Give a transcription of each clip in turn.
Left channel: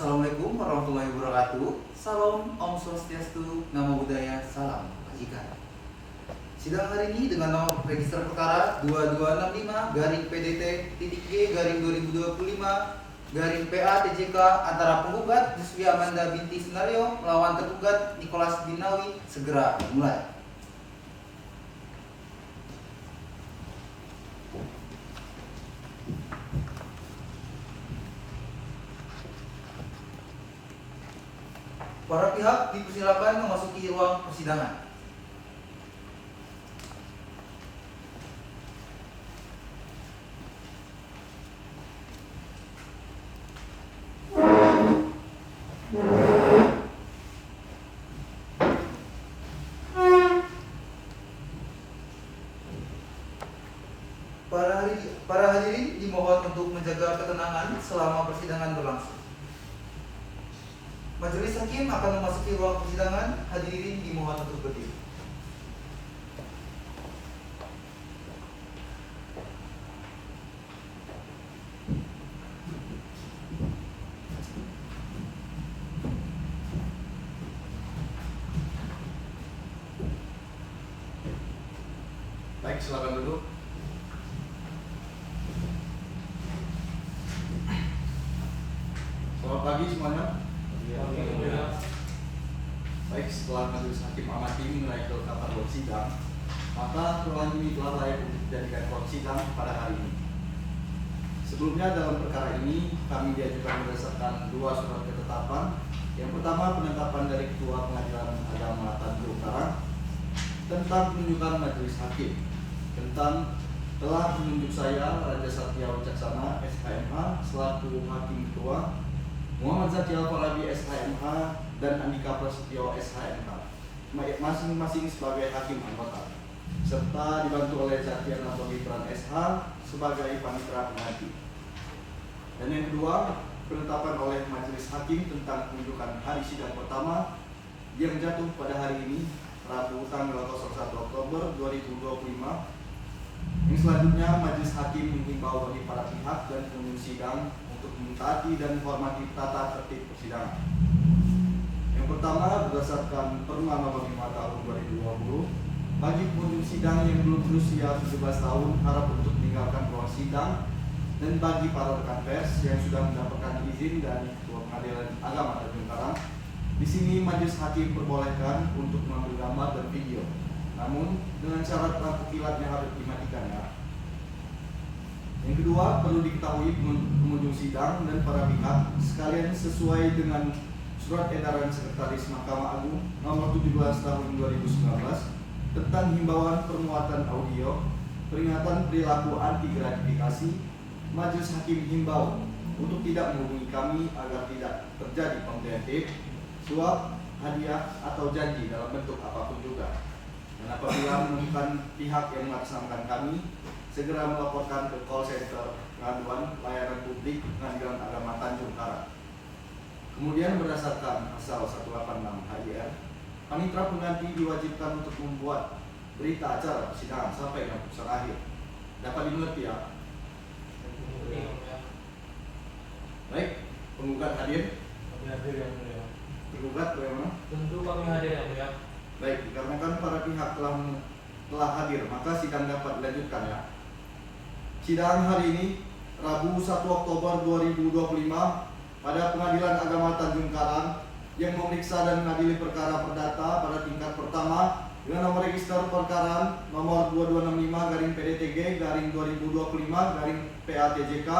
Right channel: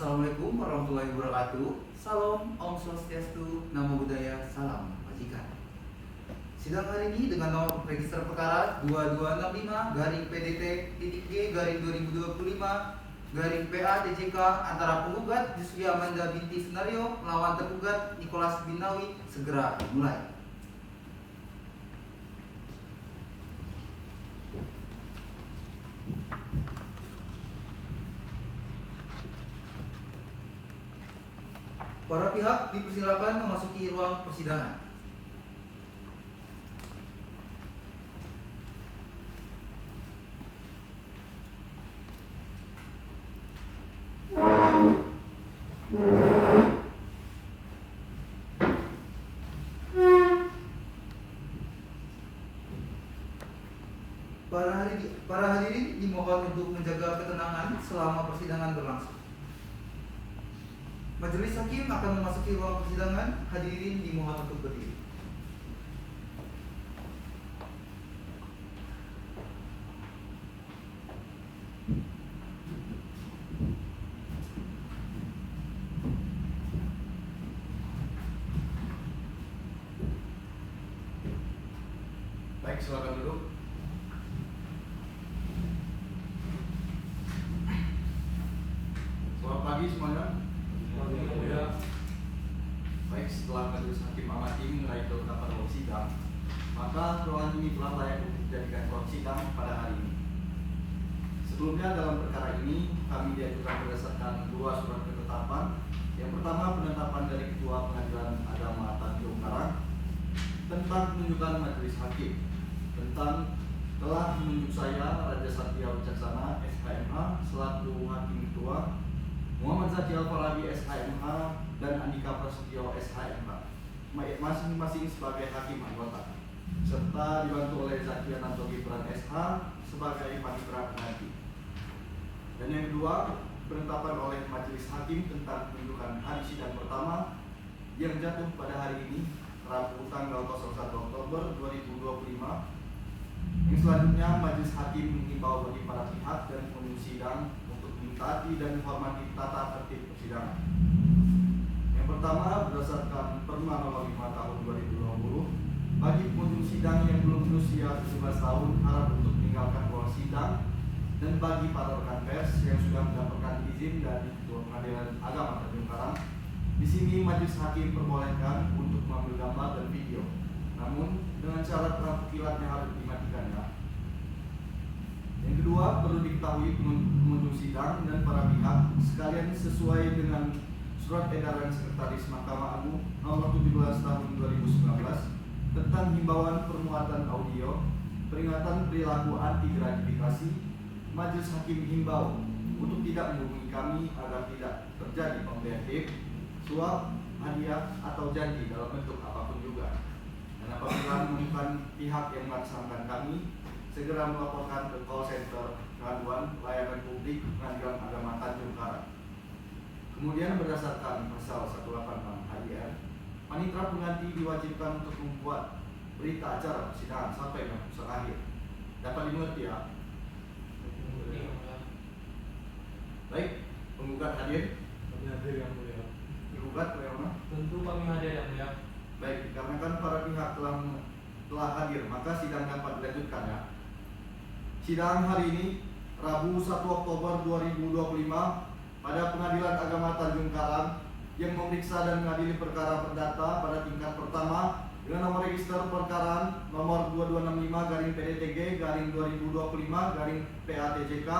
Assalamualaikum warahmatullahi wabarakatuh. Salam Om Swastiastu, Namo Buddhaya, Salam Kebajikan. Sidang hari ini dengan nomor register perkara 2265-PDT-PA-2025-PA-TJK antara penggugat Yusfi Amanda binti Sunario melawan tergugat Nicholas bin Nawi segera dimulai. Para pihak dipersilakan memasuki ruang persidangan. Para hadirin dimohon untuk menjaga ketenangan selama persidangan berlangsung. Majelis hakim akan memasuki ruang persidangan. Hadirin dimohon untuk berdiri. Baik, silakan duduk. Selamat pagi semuanya. Baik, setelah majelis hakim amati menilai kelengkapan ruang sidang, maka ruangan ini telah layak untuk dijadikan ruang sidang pada hari ini. Sebelumnya dalam perkara ini kami diajukan berdasarkan dua surat ketetapan. Yang pertama, penetapan dari Ketua Pengadilan Agama Tanjung Karang tentang penunjukan majelis hakim, tentang telah menunjuk saya Raja Satya Wicaksana SHMH selaku hakim ketua, Muhammad Zaki Al-Farabi SHMH dan Andika Prasetyo SHMH masing-masing sebagai hakim anggota, serta dibantu oleh Zaki Ananto Gibran SH sebagai panitera pengganti. Dan yang kedua, penetapan oleh majelis hakim tentang penunjukan hari sidang pertama yang jatuh pada hari ini, Rabu tanggal 01 Oktober 2025. Yang selanjutnya, majelis hakim menghimbau bagi para pihak dan pengunjung sidang untuk mentaati dan menghormati tata tertib persidangan. Yang pertama, berdasarkan Perma Nomor 5 Tahun 2020, bagi pengunjung sidang yang belum berusia 17 tahun harap untuk meninggalkan ruang sidang, dan bagi para rekan pers yang sudah mendapatkan izin dari Ketua Pengadilan Agama Tanjung Karang, di sini majelis hakim perbolehkan untuk mengambil gambar dan video, namun dengan syarat lampu kilatnya harus dimatikan ya. Yang kedua, perlu diketahui pengunjung sidang dan para pihak sekalian sesuai dengan Surat Edaran Sekretaris Mahkamah Agung Nomor 17 Tahun 2019 tentang himbauan permuatan audio, peringatan perilaku anti gratifikasi, majelis hakim himbau untuk tidak menghubungi kami agar tidak terjadi pemberian tip, suap, hadiah, atau janji dalam bentuk apapun juga. Dan apabila menemukan pihak yang mengatasnamakan kami, segera melaporkan ke call center pengaduan layanan publik Pengadilan Agama Tanjung Karang. Kemudian berdasarkan pasal 186 HIR, panitera pengganti diwajibkan untuk membuat berita acara persidangan sampai dengan putusan akhir. Dapat dimengerti ya? Baik, penggugat hadir. Tergugat bagaimana? Tentu kami hadir ya, Pak. Baik, dikarenakan para pihak telah hadir, maka sidang dapat dilanjutkan ya. Sidang hari ini Rabu 1 Oktober 2025 pada Pengadilan Agama Tanjung Karang yang memeriksa dan mengadili perkara perdata pada tingkat pertama dengan nomor register perkara nomor 2265-PDTG-2025-PA-TJK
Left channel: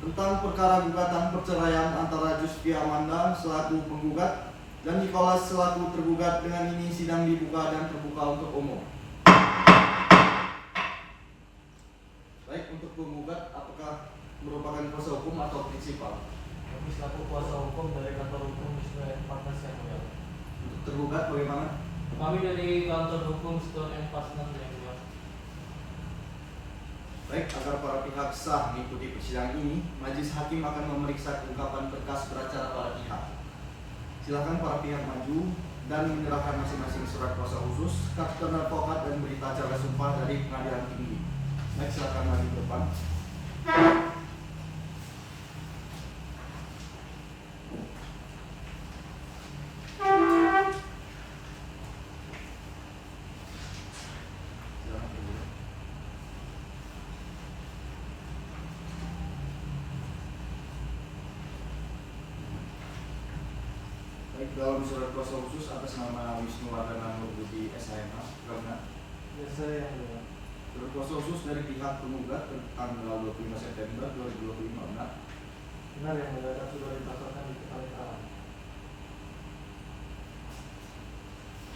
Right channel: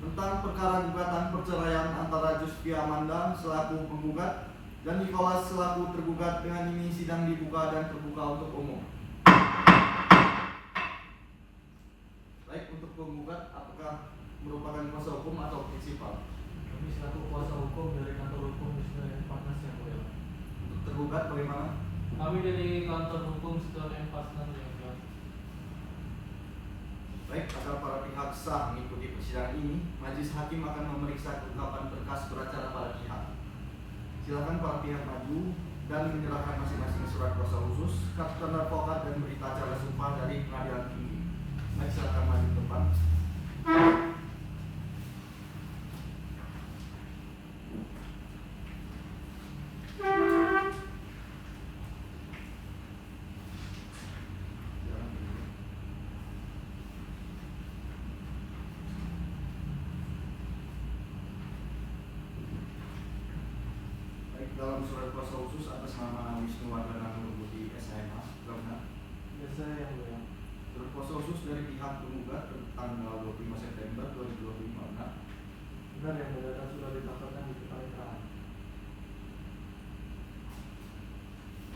tentang perkara gugatan perceraian antara Yusfi Amanda selaku penggugat dan Nicholas selaku tergugat. Dengan ini sidang dibuka dan terbuka untuk umum. Baik, untuk penggugat apakah merupakan kuasa hukum atau prinsipal? Kami selaku kuasa hukum dari kantor hukum Student Partners yang mulia. Untuk tergugat bagaimana? Kami dari kantor hukum Student Partners yang mulia. Baik, agar para pihak sah mengikuti persidangan ini, majelis hakim akan memeriksa kelengkapan berkas beracara para pihak. Silakan para pihak maju dan menyerahkan masing-masing surat kuasa khusus, kartu tanda advokat dan berita acara sumpah dari pengadilan tinggi. Baik, silakan maju ke depan. dalam surat kuasa khusus atas nama Wisnu Wardana Nurbuti SHMH, benar? Ya saya yang mulia. Surat kuasa khusus dari pihak penggugat tanggal 25 September 2025, benar? Benar yang mulia, dan sudah didaftarkan di kepanitaran.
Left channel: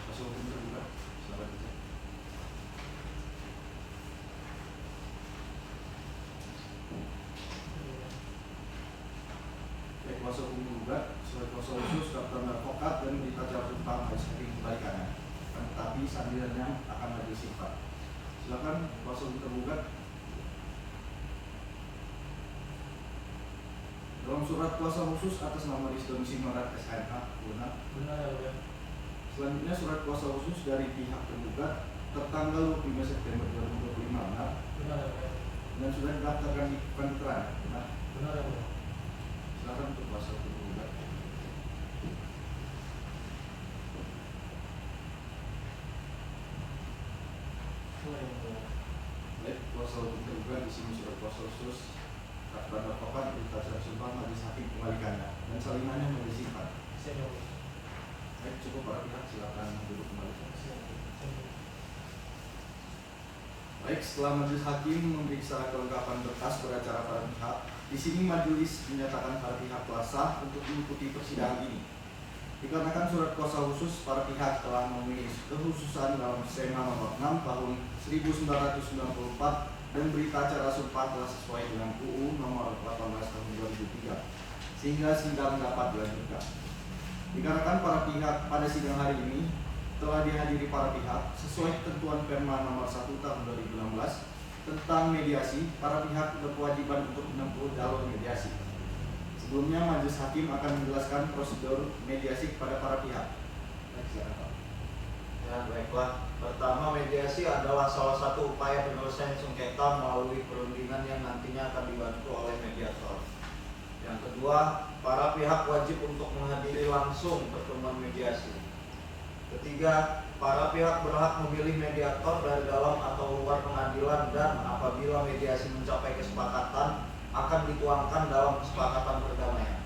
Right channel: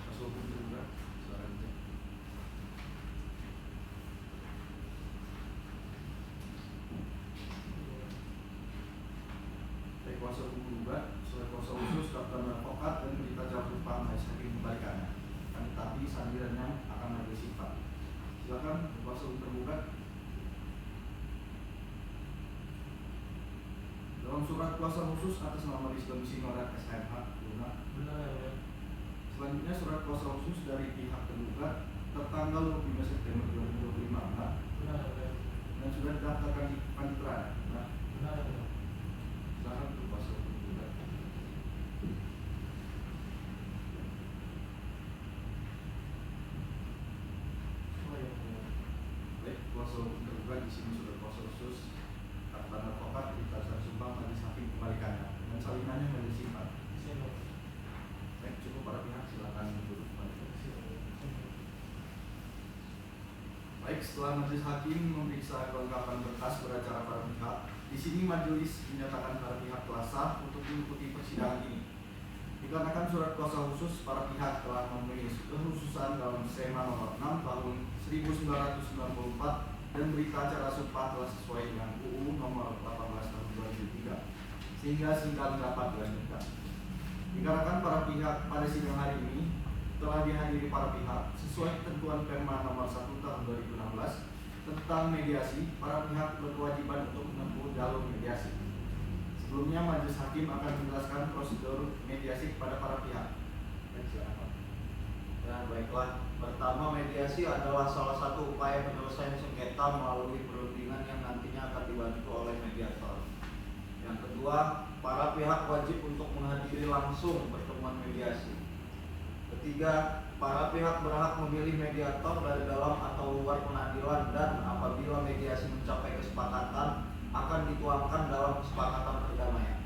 Kuasa hukum tergugat, silakan dicek. Baik, kuasa hukum tergugat, surat kuasa khusus, daftar advokat dan berita acara sumpah majelis hakim kembalikannya. Tetapi sandirannya akan majelis sifat. Silakan kuasa hukum tergugat. Dalam surat kuasa khusus atas nama Rizwan Simarat SHMH, benar? Benar yang mulia. Selanjutnya surat kuasa khusus dari pihak tergugat tertanggal 25 September 2025, benar? Benar yang mulia. Dan sudah didaftarkan di panitera, benar? Benar yang mulia. Silakan untuk kuasa hukum tergugat. Oh yang mulia. Baik, kuasa hukum tergugat di sini surat kuasa khusus daftar advokat berita acara sumpah majelis hakim kembalikannya dan salinannya majelis simpan. Siap yang mulia. Baik, cukup para pihak, silakan duduk kembali. Siap yang mulia. Baik, setelah majelis hakim memeriksa kelengkapan berkas beracara para pihak, di sini majelis menyatakan para pihak telah sah untuk mengikuti persidangan ini. Dikarenakan surat kuasa khusus para pihak telah memenuhi kekhususan dalam SEMA nomor 6 tahun 1994 dan berita acara sumpah telah sesuai dengan UU nomor 18 tahun 2003 sehingga sidang dapat dilanjutkan. Dikarenakan para pihak pada sidang hari ini telah dihadiri para pihak sesuai ketentuan Perma nomor 1 tahun 2016 tentang mediasi, para pihak berkewajiban untuk menempuh jalur mediasi. Sebelumnya majelis hakim akan menjelaskan prosedur mediasi kepada para pihak. Baik, silakan Pak. Ya, baiklah. Pertama, mediasi adalah salah satu upaya penyelesaian sengketa melalui perundingan yang nantinya akan dibantu oleh mediator. Yang kedua, para pihak wajib untuk menghadiri langsung pertemuan mediasi. Ketiga, para pihak berhak memilih mediator dari dalam atau luar pengadilan dan apabila mediasi mencapai kesepakatan akan dituangkan dalam kesepakatan perdamaian.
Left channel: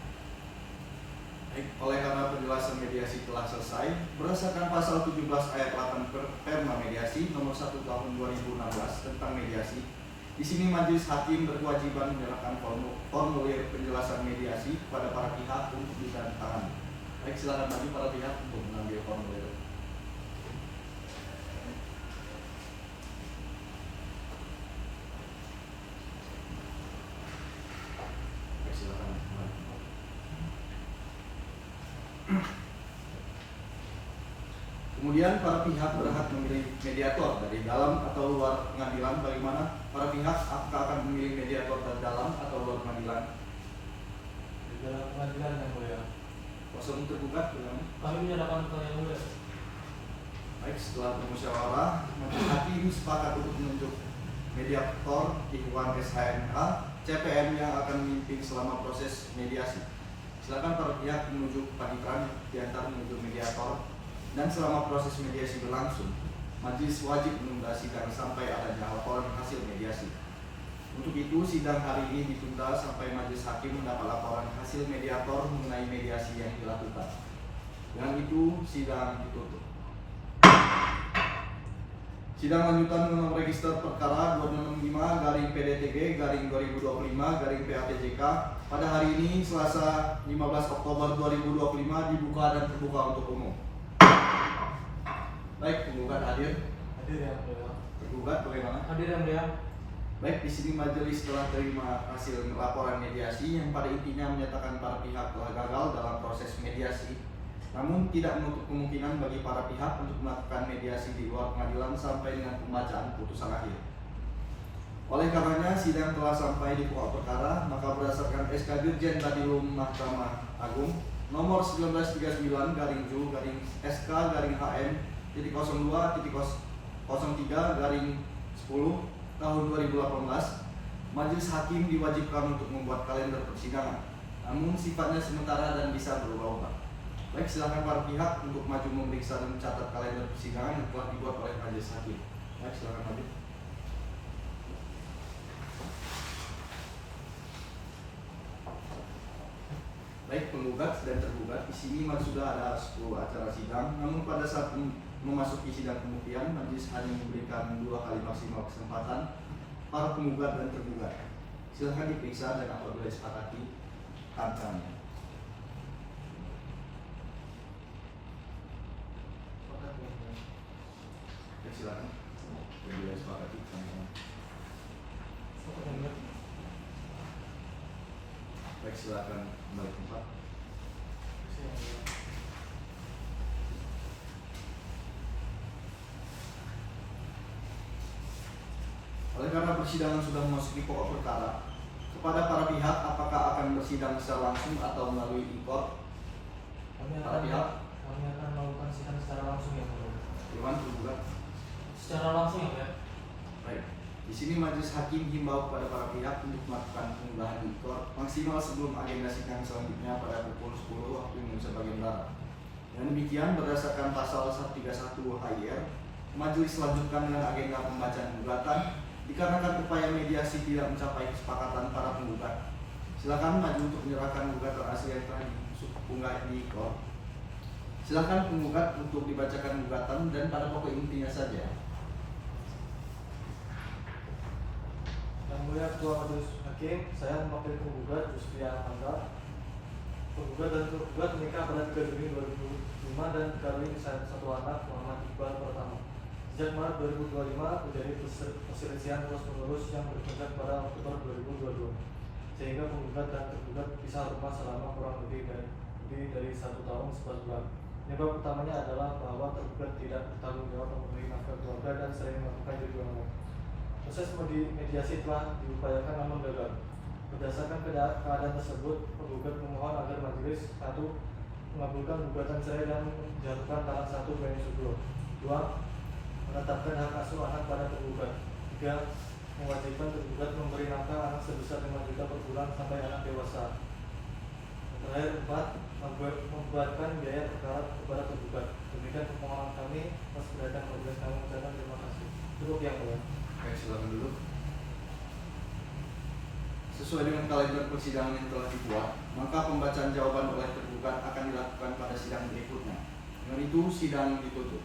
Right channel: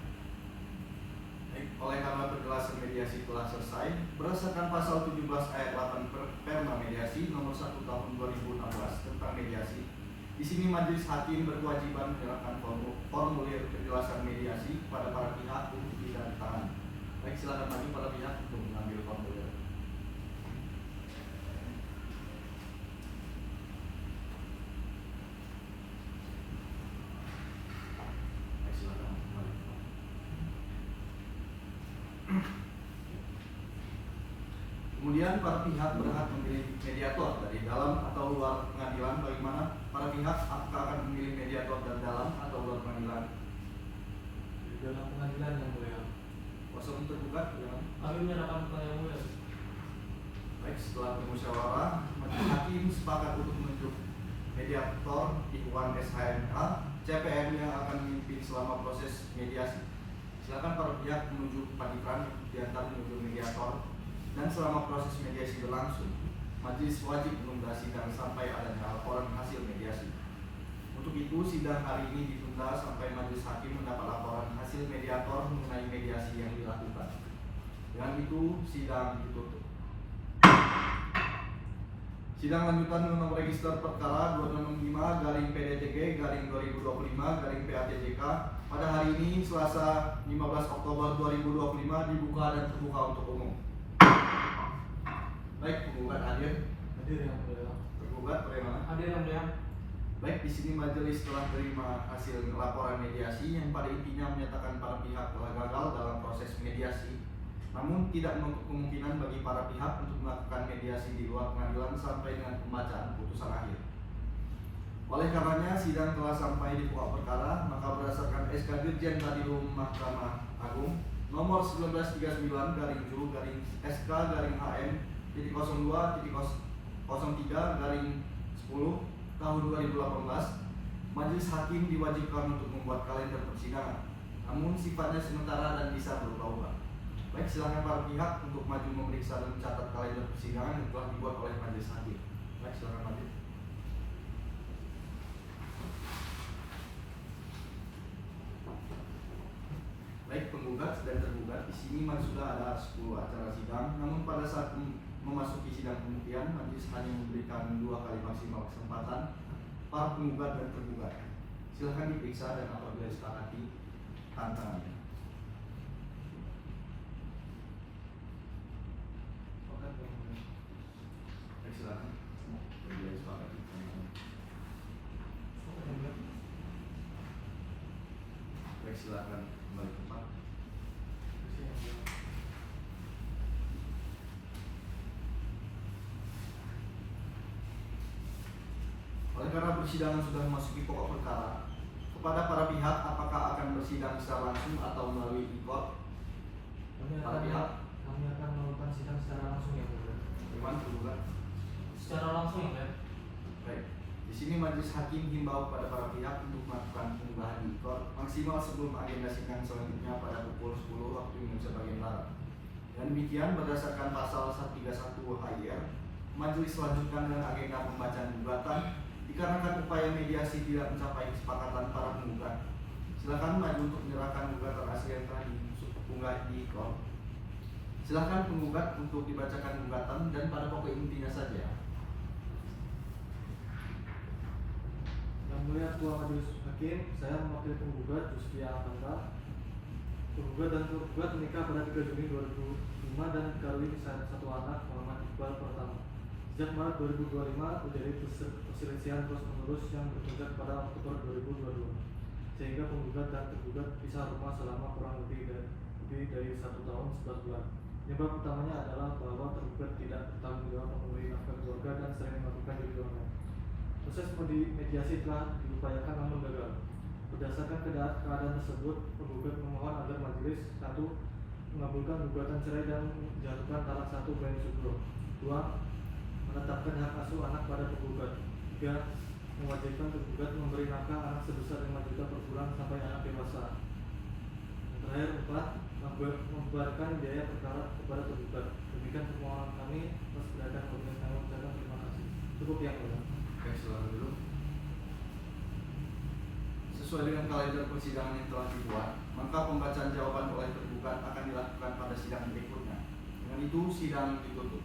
Baik, oleh karena penjelasan mediasi telah selesai, berdasarkan pasal 17 ayat 8 Perma Mediasi nomor 1 tahun 2016 tentang mediasi, di sini majelis hakim berkewajiban menyerahkan formulir penjelasan mediasi kepada para pihak untuk ditandatangani. Baik, silakan maju para pihak untuk mengambil formulir. Baik, silakan maju. Kemudian para pihak berhak memilih mediator dari dalam atau luar pengadilan. Bagaimana para pihak akan memilih mediator dari dalam atau luar pengadilan? Di dalam pengadilan yang mulia. Kuasa hukum tergugat, bagaimana? Kami menyerahkan ke yang mulia. Baik, setelah bermusyawarah, majelis hakim sepakat untuk menunjuk mediator Ikhwan SHMH CPM yang akan memimpin selama proses mediasi. Silakan para pihak menuju panitera diantar menuju mediator. Dan selama proses mediasi berlangsung, majelis wajib menunda sidang sampai adanya laporan hasil mediasi. Untuk itu, sidang hari ini ditunda sampai majelis hakim mendapat laporan hasil mediator mengenai mediasi yang dilakukan. Dengan itu, sidang ditutup. Sidang lanjutan nomor register perkara 265/PDTB/2025/PATJK pada hari ini Selasa 15 Oktober 2025 dibuka dan terbuka untuk umum. Baik, penggugat hadir. Hadir yang mulia. Tergugat bagaimana? Hadir yang mulia. Baik, di sini majelis telah terima hasil laporan mediasi yang pada intinya menyatakan para pihak telah gagal dalam proses mediasi. Namun tidak menutup kemungkinan bagi para pihak untuk melakukan mediasi di luar pengadilan sampai dengan pembacaan putusan akhir. Oleh karenanya sidang telah sampai di pokok perkara, maka berdasarkan SK Dirjen Badilum Mahkamah Agung nomor 1939/Ju/SK/HM 02.03/10 tahun 2018, majelis hakim diwajibkan untuk membuat kalender persidangan, namun sifatnya sementara dan bisa berubah-ubah. Baik, silakan para pihak untuk maju memeriksa dan mencatat kalender persidangan yang telah dibuat oleh majelis hakim. Baik, silakan maju. Baik, penggugat dan tergugat di sini sudah ada 10 acara sidang, namun pada saat memasuki sidang pembuktian, majelis hanya memberikan 2 kali maksimal kesempatan para penggugat dan tergugat. Silahkan diperiksa dan apabila disepakati, tantangannya. Silakan. Apabila disepakati, tantangannya. Baik, silakan kembali ke tempat. Oleh karena persidangan sudah memasuki pokok perkara, kepada para pihak apakah akan bersidang secara langsung atau melalui e-court? Para pihak, kami akan melakukan sidang secara langsung ya mulia. Iwan tergugat. Secara langsung ya mulia. Baik. Di sini majelis hakim himbau kepada para pihak untuk melakukan pengunggahan di e-court maksimal sebelum agenda sidang selanjutnya pada pukul 10 waktu Indonesia bagian barat. Dan demikian berdasarkan pasal 131 HIR, majelis lanjutkan dengan agenda pembacaan gugatan dikarenakan upaya mediasi tidak mencapai kesepakatan para penggugat. Silakan maju untuk menyerahkan gugatan asli yang telah diunggah di e-court. Silakan penggugat untuk dibacakan gugatan dan pada pokok intinya saja. Yang mulia Ketua Majelis Hakim, saya mewakili penggugat Justian Manta. Penggugat dan tergugat menikah pada 3 Juni 2005 dan dikawin satu anak, Muhammad Iqbal pertama. Sejak Maret 2025 terjadi perselisihan terus menerus yang berpuncak pada Oktober 2022, sehingga penggugat dan tergugat pisah rumah selama kurang lebih dari 1 tahun 11 bulan. Penyebab utamanya adalah bahwa tergugat tidak bertanggung jawab memenuhi nafkah keluarga dan sering melakukan judi online. Proses mediasi telah diupayakan namun gagal. Berdasarkan keadaan tersebut, penggugat memohon agar majelis 1. Mengabulkan gugatan cerai dan menjatuhkan talak 1 bagi Subro. 2. Menetapkan hak asuh anak pada tergugat. 3. Mewajibkan tergugat memberi nafkah anak sebesar 5 juta per bulan sampai anak dewasa. Terakhir 4. Membuatkan biaya perkara kepada tergugat. Demikian permohonan kami. Mas berdasarkan majelis kami mengucapkan terima kasih. Cukup yang mulia. Baik, silakan dulu. Sesuai dengan kalender persidangan yang telah dibuat, maka pembacaan jawaban oleh tergugat akan dilakukan pada sidang berikutnya. Dengan itu, sidang ditutup.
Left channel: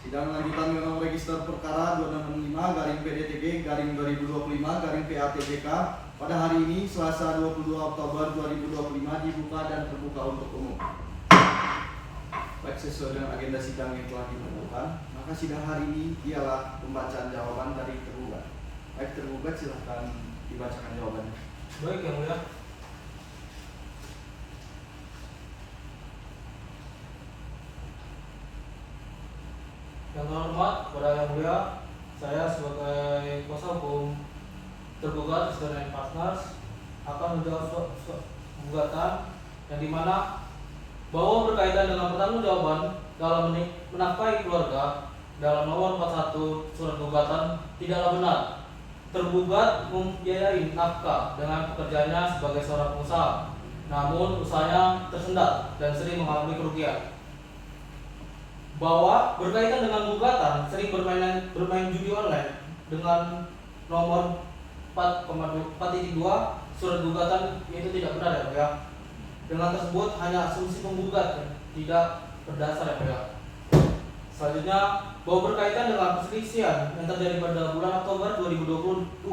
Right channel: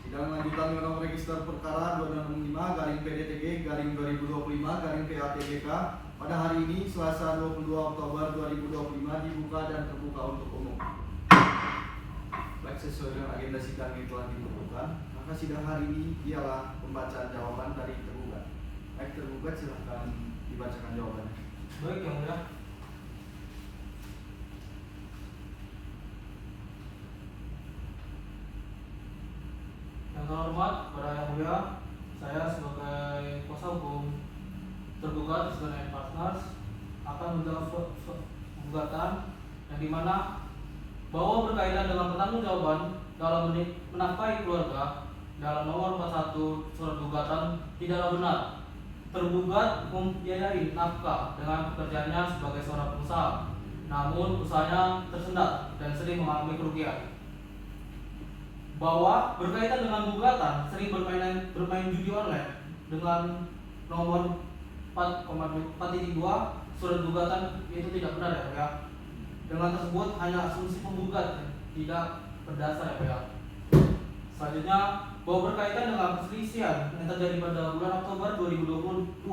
Sidang lanjutan dengan nomor register perkara 265-PDTG-2025-PATJK pada hari ini, Selasa 22 Oktober 2025 dibuka dan terbuka untuk umum. Baik, sesuai dengan agenda sidang yang telah ditentukan, maka sidang hari ini ialah pembacaan jawaban dari tergugat. Baik, tergugat silahkan dibacakan jawabannya. Baik yang mulia. Yang terhormat kepada yang mulia, saya sebagai kuasa hukum tergugat Isgan Partners akan menjawab gugatan yang dimana bahwa berkaitan dengan pertanggungjawaban dalam menafkahi keluarga dalam nomor 41 surat gugatan tidaklah benar. Tergugat membiayai nafkah dengan pekerjaannya sebagai seorang pengusaha, namun usahanya tersendat dan sering mengalami kerugian. Bahwa berkaitan dengan gugatan sering bermain judi online dengan nomor 4,2 surat gugatan itu tidak benar ya Pak ya. Dengan tersebut hanya asumsi penggugat tidak berdasar ya Pak ya. Selanjutnya, bahwa berkaitan dengan perselisihan yang terjadi pada bulan Oktober 2022,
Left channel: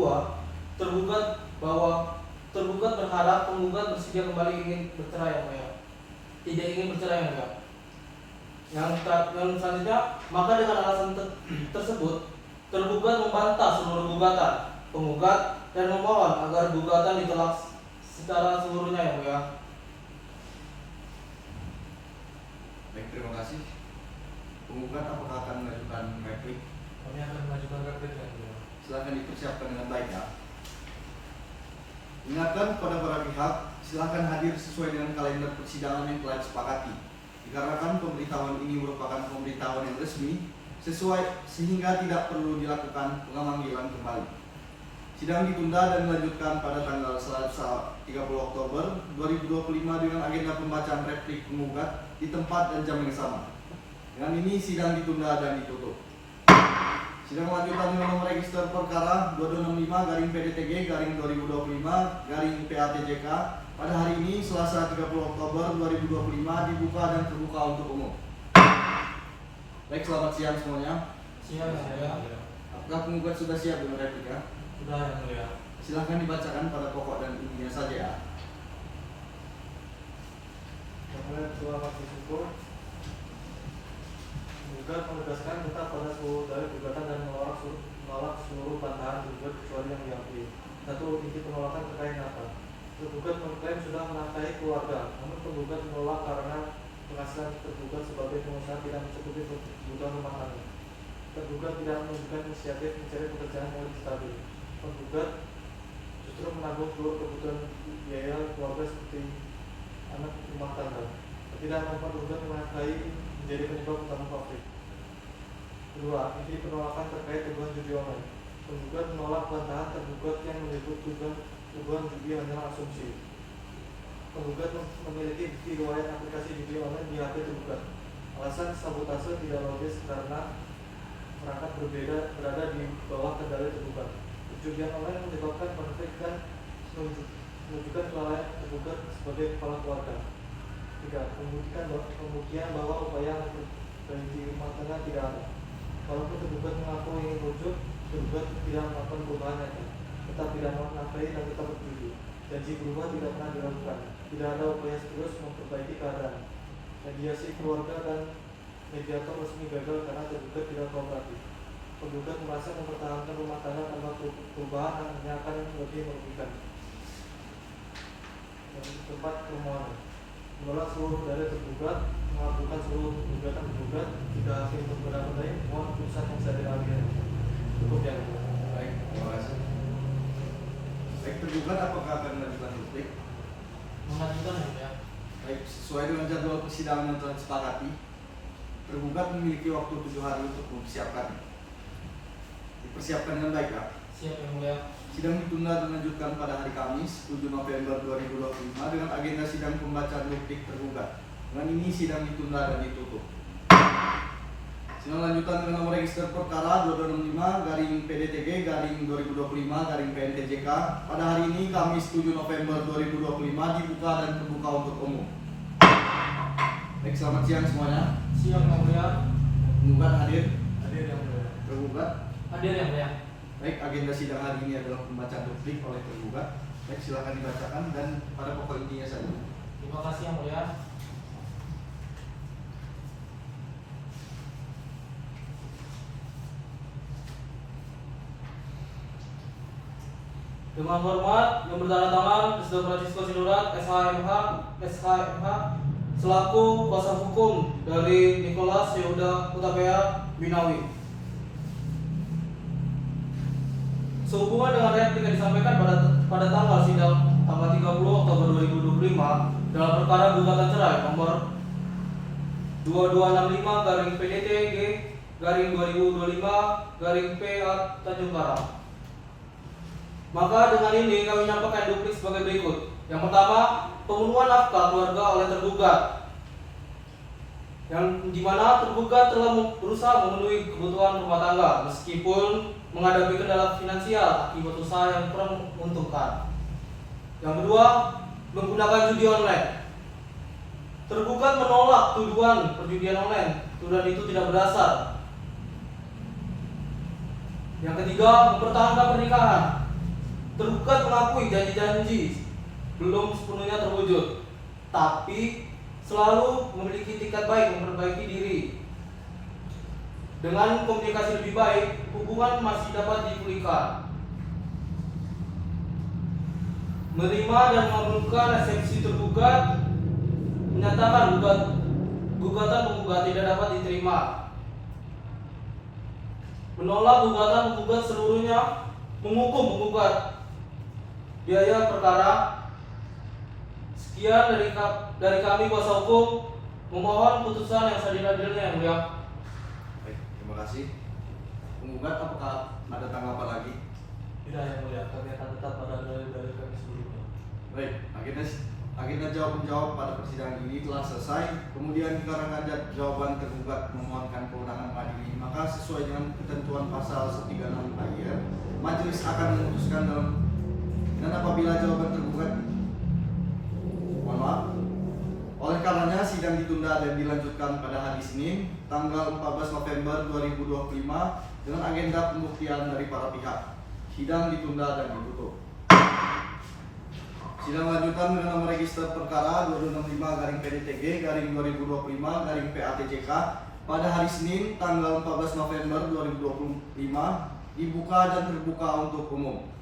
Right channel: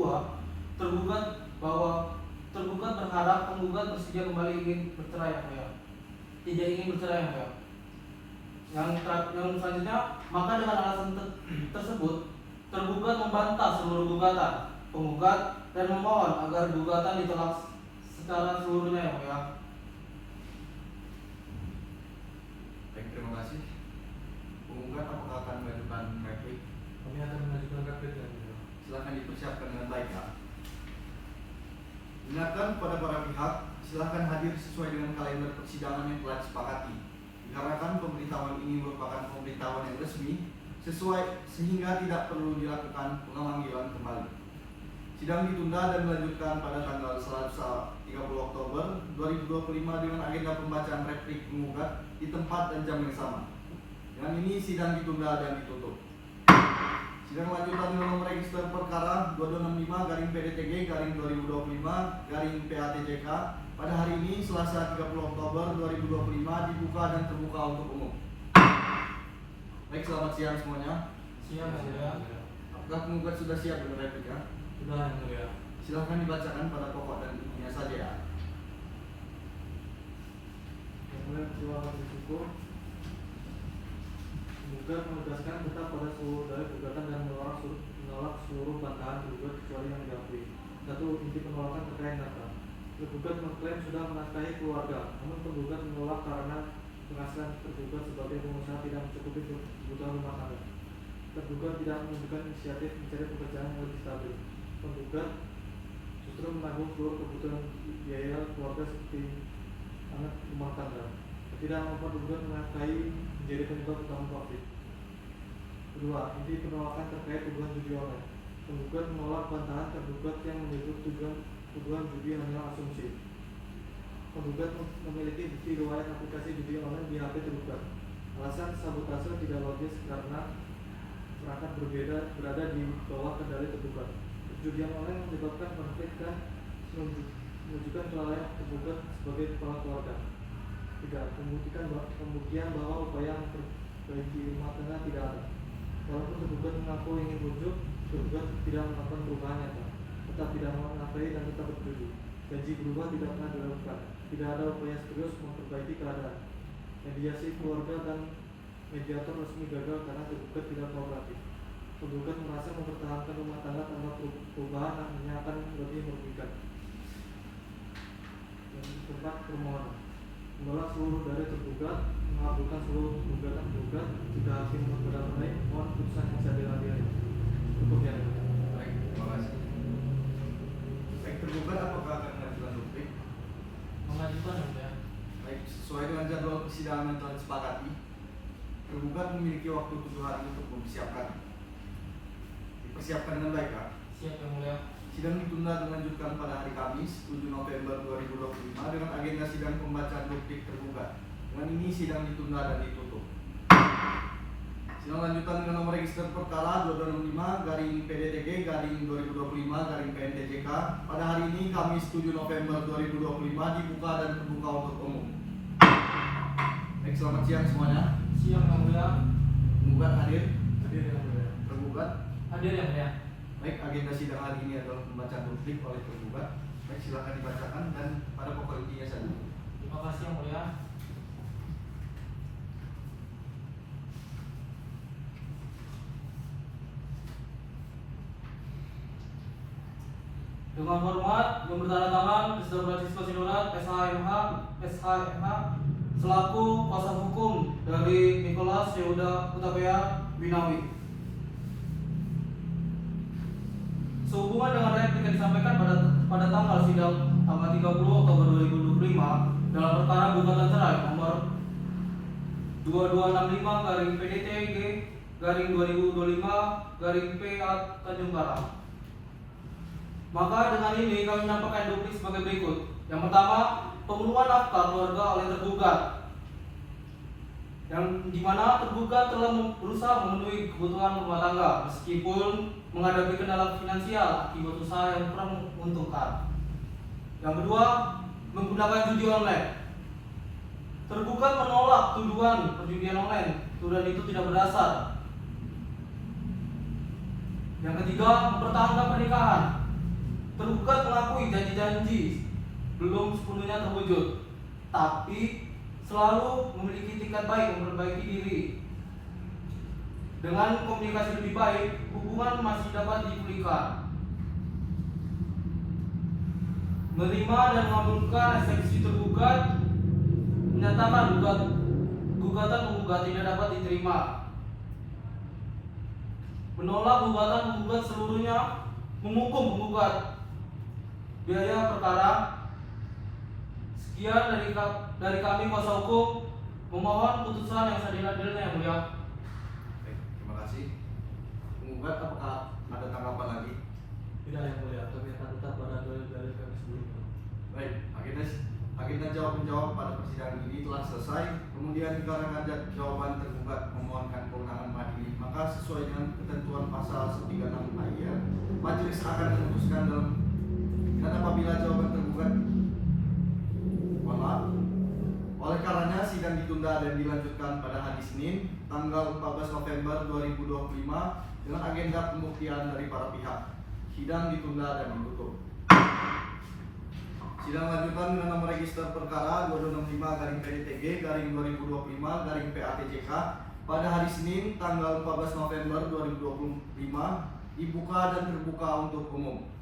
tergugat berharap penggugat bersedia kembali ingin bercerai ya Pak ya. Tidak ingin bercerai ya Pak ya. Yang selanjutnya, maka dengan alasan tersebut, tergugat membantah seluruh gugatan penggugat dan memohon agar gugatan ditolak secara seluruhnya ya Pak ya. Baik, terima kasih. Penggugat apakah akan mengajukan replik? Kami akan mengajukan replik yang mulia. Silakan dipersiapkan dengan baik ya. Ingatkan kepada para pihak, silakan hadir sesuai dengan kalender persidangan yang telah disepakati. Dikarenakan pemberitahuan ini merupakan pemberitahuan yang resmi, sesuai sehingga tidak perlu dilakukan pemanggilan kembali. Sidang ditunda dan dilanjutkan pada tanggal Selasa 30 Oktober 2025 dengan agenda pembacaan replik penggugat di tempat dan jam yang sama. Dengan ini sidang ditunda dan ditutup. Sidang lanjutan dengan nomor register perkara 2265-PDTG-2025-PATJK pada hari ini Selasa 30 Oktober 2025 dibuka dan terbuka untuk umum. Baik, selamat siang semuanya. Siang yang mulia. Apakah penggugat sudah siap dengan replika? Sudah yang mulia. Silahkan dibacakan pada pokok dan intinya saja ya. Yang mulia ketua majelis hukum menggugat menegaskan tetap pada seluruh dalil gugatan dan menolak seluruh bantahan tergugat kecuali yang diakui. Satu, inti penolakan terkait nafkah. Tergugat mengklaim sudah menafkahi keluarga, namun penggugat menolak karena penghasilan tergugat sebagai pengusaha tidak mencukupi kebutuhan rumah tangga. Tergugat tidak menunjukkan inisiatif mencari pekerjaan yang lebih stabil. Penggugat justru menanggung seluruh kebutuhan biaya keluarga seperti anak rumah tangga. Ketidakmampuan penggugat menafkahi menjadi penyebab utama konflik. Kedua, inti penolakan terkait tuduhan judi online. Penggugat menolak bantahan tergugat yang menyebut tuduhan judi hanyalah asumsi. Penggugat memiliki bukti riwayat aplikasi judi online di HP tergugat. Alasan sabotase tidak logis karena perangkat berbeda berada di bawah kendali tergugat. Judi online menyebabkan konflik dan menunjukkan kelalaian tergugat sebagai kepala keluarga. Tiga, pembuktian bahwa upaya memperbaiki rumah tangga tidak ada. Walaupun tergugat mengaku ingin rujuk, tergugat tidak melakukan perubahan nyata, tetap tidak menafkahi dan tetap berjudi. Janji berubah tidak pernah dilakukan. Tidak ada upaya serius memperbaiki keadaan. Mediasi keluarga dan mediator resmi gagal karena tergugat tidak kooperatif. Penggugat merasa mempertahankan rumah tangga tanpa perubahan hanya akan lebih merugikan. Yang keempat, permohonan menolak seluruh dalil tergugat, mengabulkan seluruh gugatan tergugat. Jika hakim berpendapat lain, mohon putusan yang saya diadili. Cukup yang mulia. Baik, terima kasih. Baik, tergugat apakah akan mengajukan duplik? Mengajukan ya. Baik, sesuai dengan jadwal persidangan yang telah disepakati, tergugat memiliki waktu 7 hari untuk mempersiapkan. Dipersiapkan dengan baik, Kak. Siap yang mulia. Sidang ditunda dan dilanjutkan pada hari Kamis 7 November 2025 dengan agenda sidang pembacaan duplik tergugat. Dengan ini sidang ditunda dan ditutup. Sidang lanjutan dengan nomor register perkara 2265-PDTG-2025-PNTJK pada hari ini Kamis 7 November 2025 dibuka dan terbuka untuk umum. Baik, selamat siang semuanya. Siap yang mulia. Penggugat hadir, Hadir yang mulia. tergugat. Hadir yang mulia. Baik, agenda sidang hari ini adalah pembacaan duplik oleh tergugat. Baik, silakan dibacakan dan pada pokok intinya saja. Terima kasih yang mulia. Dengan hormat yang bertanda tangan Presiden Francisco Sinurat SHMH selaku kuasa hukum dari Nicholas Yehuda Hutapea Binawi. Sehubungan dengan replik yang disampaikan pada tanggal sidang tanggal 30 Oktober 2025 dalam perkara gugatan cerai nomor 2265-PDTG-2025-PA Tanjung Karang. Maka dengan ini kami menyampaikan duplik sebagai berikut. Yang pertama, pemenuhan nafkah keluarga oleh tergugat, yang dimana tergugat telah berusaha memenuhi kebutuhan rumah tangga meskipun menghadapi kendala finansial akibat usaha yang kurang menguntungkan. Yang kedua, menggunakan judi online. Tergugat menolak tuduhan perjudian online. Tuduhan itu tidak berdasar. Yang ketiga, mempertahankan pernikahan. Tergugat mengakui janji-janji belum sepenuhnya terwujud, tapi selalu memiliki itikat baik memperbaiki diri. Dengan komunikasi lebih baik, hubungan masih dapat dipulihkan. Menerima dan mengabulkan eksepsi tergugat, menyatakan gugatan penggugat tidak dapat diterima. Menolak gugatan penggugat seluruhnya, menghukum penggugat biaya perkara. Sekian dari kami kuasa hukum, memohon putusan yang seadil-adilnya yang mulia. Baik, terima kasih. Penggugat apakah ada tanggapan lagi? Tidak yang mulia, kami akan tetap pada dalil-dalil kami sebelumnya. Baik, agenda jawab-menjawab pada persidangan ini telah selesai. Kemudian dikarenakan jawaban tergugat memohonkan kewenangan mengadili, maka sesuai dengan ketentuan pasal 136 ayat, majelis akan memutuskan dan apabila jawaban tergugat ditunda dan dilanjutkan pada hari Senin, tanggal 14 November 2025 dengan agenda pembuktian dari para pihak. Sidang ditunda dan ditutup. Sidang lanjutan dengan nomor register perkara 2265-PDTG-2025-PATJK pada hari Senin, tanggal 14 November 2025 dibuka dan terbuka untuk umum.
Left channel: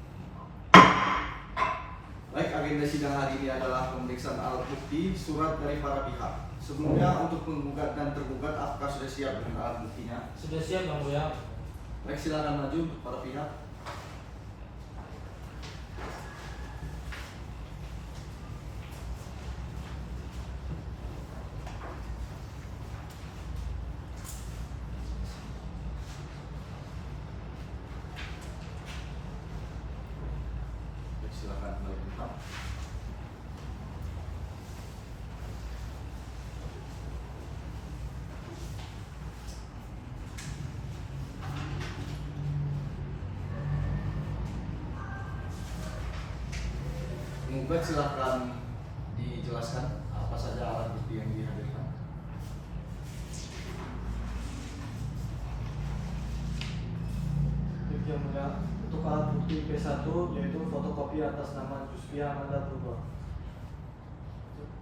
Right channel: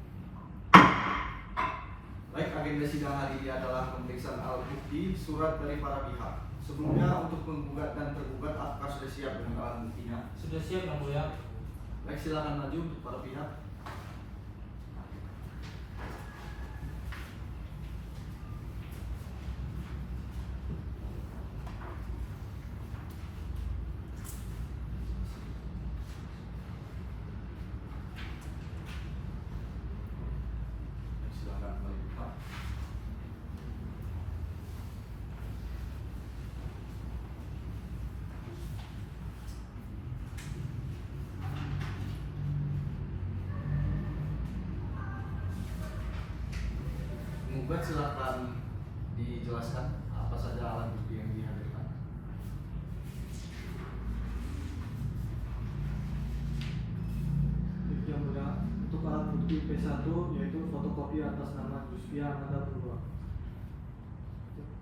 Baik, agenda sidang hari ini adalah pemeriksaan alat bukti, surat dari para pihak. Sebelumnya untuk penggugat dan tergugat, apakah sudah siap dengan alat buktinya? Sudah siap Yang Mulia. Baik, silakan maju untuk para pihak. Silakan kembali ke tempat. Penggugat silahkan dijelaskan apa saja alat bukti yang dihadirkan. Baik Yang Mulia, untuk alat bukti P1 yaitu fotokopi atas nama Jusfia Amanda Purba.